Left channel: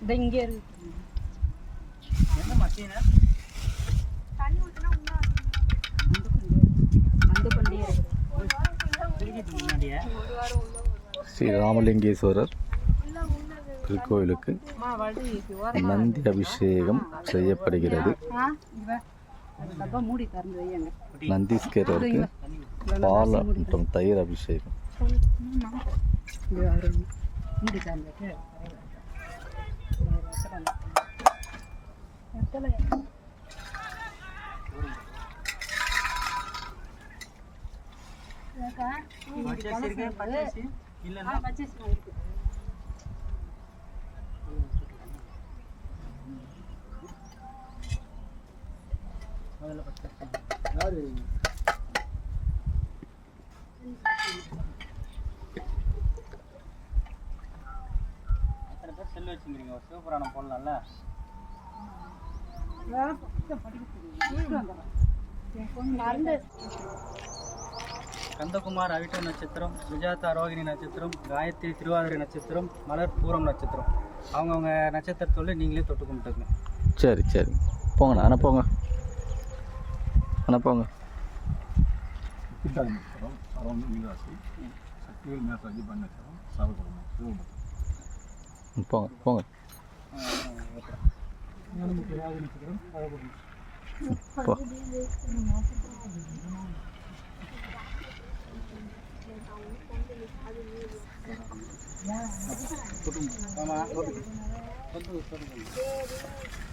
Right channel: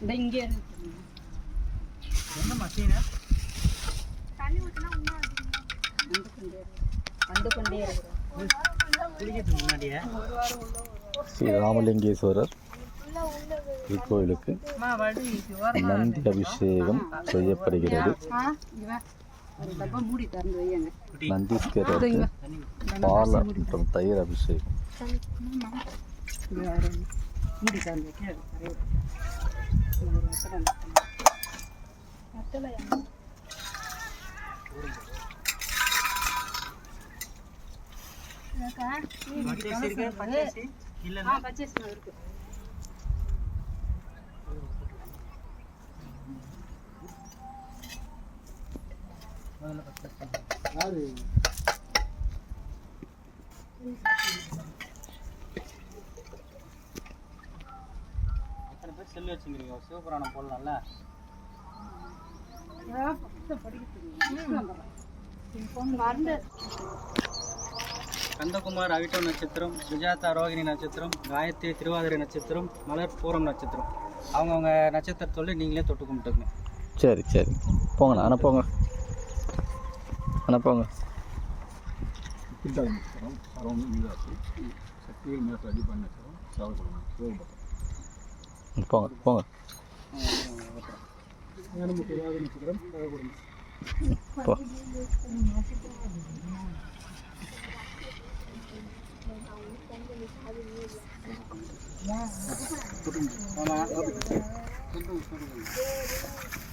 இந்த இங்கே இருக்கு என்ன மசீனா தண்ணி ஊத்தினா அண்டு கொண்டே இருக்கு குளிக்கிறதுக்கு முன்னாடியே ஸ்ரீ ராமலிங்கேஸ்வரர் திருக்கோயிலுக்கு நந்தி அபிஷேகம் செய்யப்படுகிறது. நந்தீஸ்வரருக்கு பால் மற்றும் தயிர் அபிஷேகம். அத்தனை பேர் செல்லு வச்சுக்கிறீங்க, சிவபுராணம் போடலாம்ல. கந்தகுமார் அவிட்டோ நட்சத்திரம், சுஜாதா ரோகிணி நட்சத்திரம், காயத்ரி திருவாதிரை நட்சத்திரம், மலர் பூரம் நட்சத்திரம். அவங்கவுங்க நட்சத்திரத்தோடு நீங்களே தொட்டு கும்பிட்டுங்க. சரி சரி போங்கண்ணா, அனுப்போங்க அனுப்போங்க. போங்க போங்க. போ.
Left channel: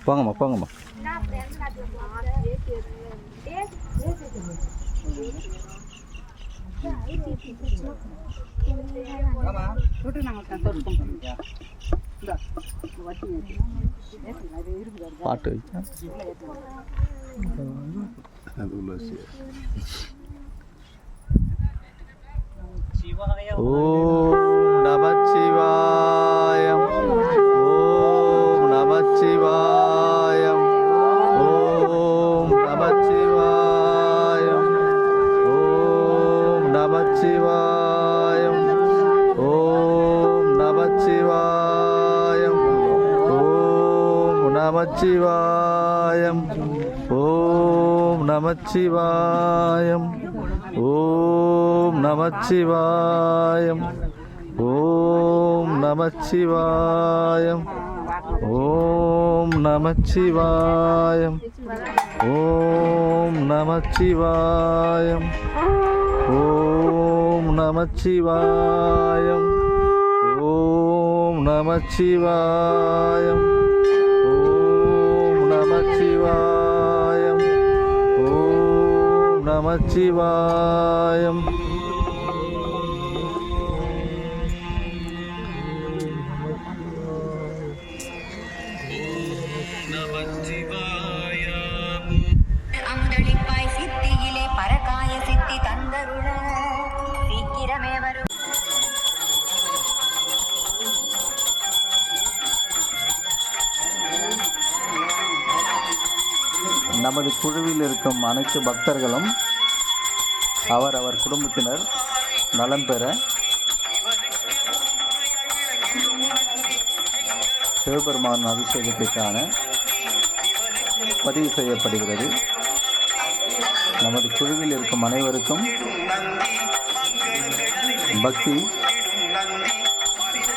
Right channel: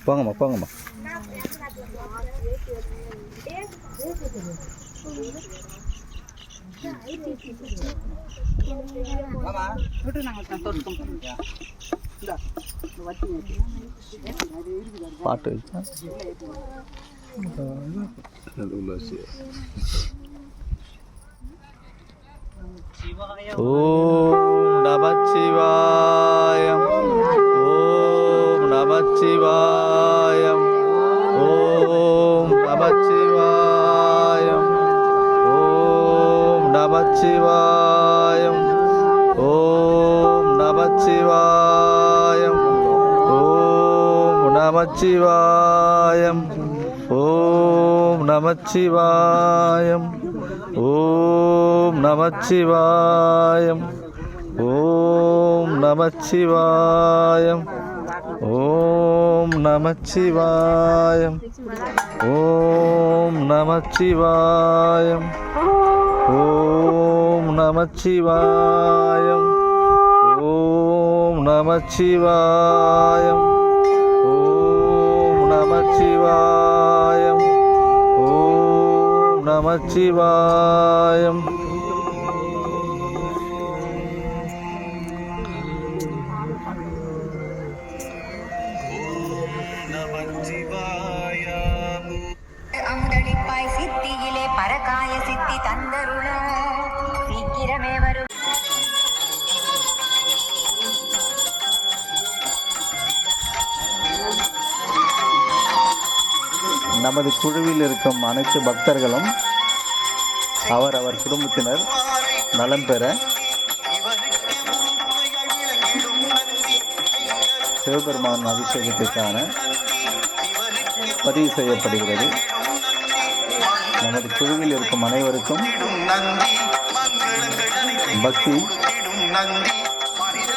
போங்கம்மா போங்கம்மா. பாட்டு ஓம் நமச்சிவாயம், ஓம் நமச்சிவாயம், ஓம் நமச்சிவாயம், ஓம் நமச்சிவாயம், ஓம் நமச்சிவாயம், ஓம் நமச்சிவாயம், ஓம் நமச்சிவாயம், ஓம் நமச்சிவாயம், ஓம் நமச்சிவாயம், ஓம் நமச்சிவாயம், ஓம் நமச்சிவாயம், ஓம் நமச்சிவாயம், ஓம் நமச்சிவாயம், ஓம் நமச்சிவாயம், ஓம் நமச்சிவாயம். அமுதளிப்பாய் சித்தியிலே பரகாய சித்தி தந்தருள சீக்கிரமே வரும். நமது குழுவில் இருக்கும் அனைத்து பக்தர்களும் அவர் குடும்பத்தினர் நலம் பெற சிவபெருமான் அபிஷேகத்திற்கான பதிவு செய்யப்படுகிறது. நமது குழுவில் இருக்கும் அனைவருக்கும் பக்தி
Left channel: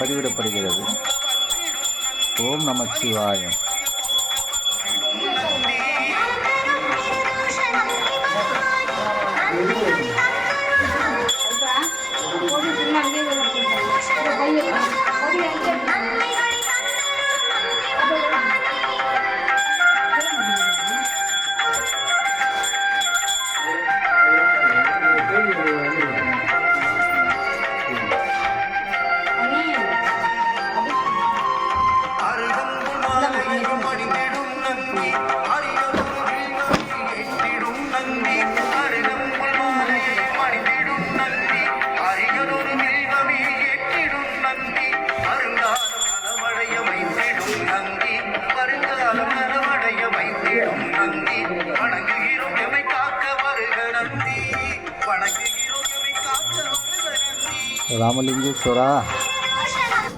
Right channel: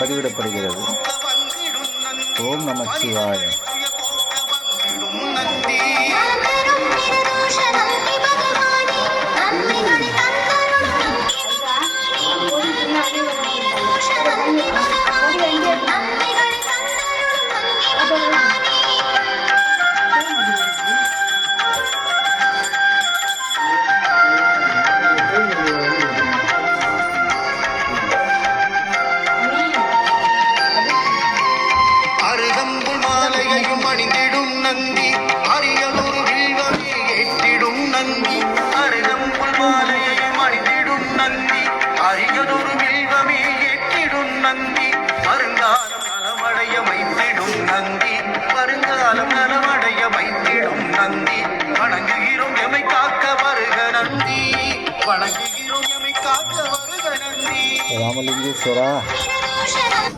பதிவிடப்படுகிறது. ஓம் நமச்சிவாயம். ராமலிங்கேஸ்வரா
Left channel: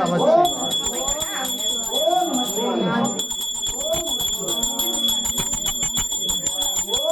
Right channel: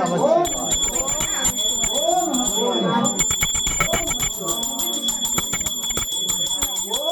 நமச்சிவாய.